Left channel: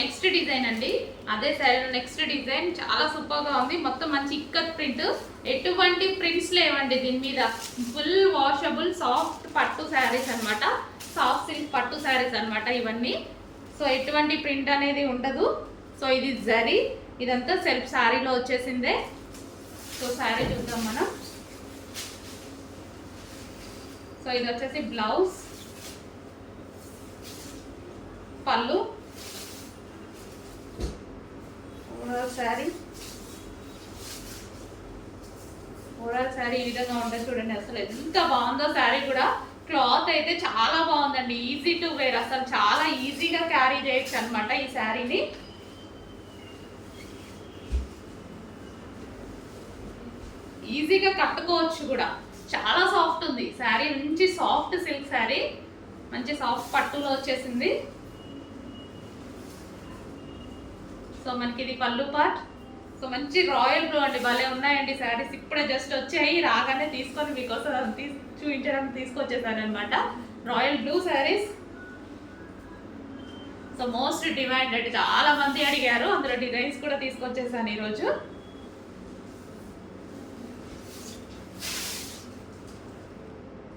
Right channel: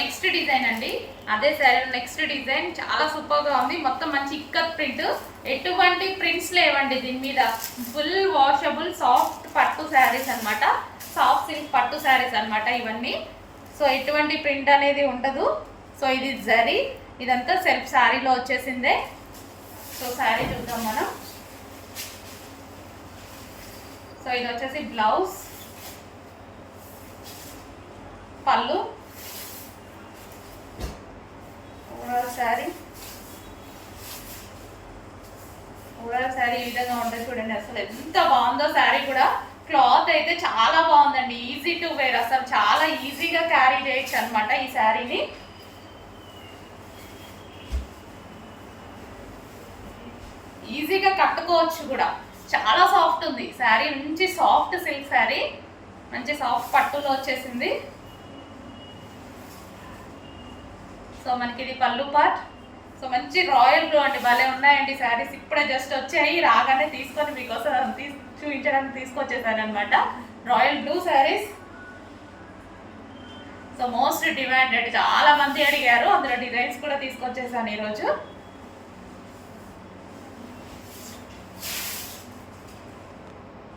Next design అండి, అదే sari next design చాలా సూపర్గా ఉంది. మొత్తం మంచి ఇక్కత్ ప్రింట్, ఎటువంటి ప్రింట్స్ లేవండి దీని మీద. ఫుల్ వాషబుల్ సాఫ్ట్ పట్టు శారీస్ అనమాట, సాఫ్ట్ సిల్క్ పట్టు శారీస్ అనమాట ఇవన్నీ. సో ఎటువంటి ప్రింట్ అనేది ఉండదు. సో ఇది జరీ, ఇదంతా సెల్ఫ్ శారీలో వచ్చేసిందే. సో శారీ చూద్దాం మనం. సో ఇది వచ్చేసి బ్లౌజ్, పళ్ళు, శారీ ఓవరాల్ శారీ ఈ విధంగా ఉంటుంది చూడండి. అసలు ఎంత బాగుందో శారీ కూడా. క్లాత్ అయితే చాలా బాగుందండి, ఈజీ టు వేర్, అసలు చాలా ఈజీగా క్యారీ చేయొచ్చు అనమాట ఈ శారీని. ఈజీగా కట్టుకోవచ్చు కూడా, చాలా సాఫ్ట్ ఉంది శారీ. మంచి సాఫ్ట్ సిల్క్ శారీ, మంచి సాఫ్ట్ పట్టులో వచ్చేసింది. సో మనకి ఇది పళ్ళు పార్ట్. సో మంచి రాయల్ బ్లూ అండి, భలే ఉన్నాయండి శారీస్. ఇప్పుడే జస్ట్ వచ్చాయి, రాగానే తీసుకొని మీకోసం చూపించడానికి తీసుకొచ్చేసాను అనమాట. Royal blue saris. So most demanded, చాలా మంది అడిగారు, అందులో డిజైన్స్ కూడా తీసుకొచ్చేసాను ఈరోజు.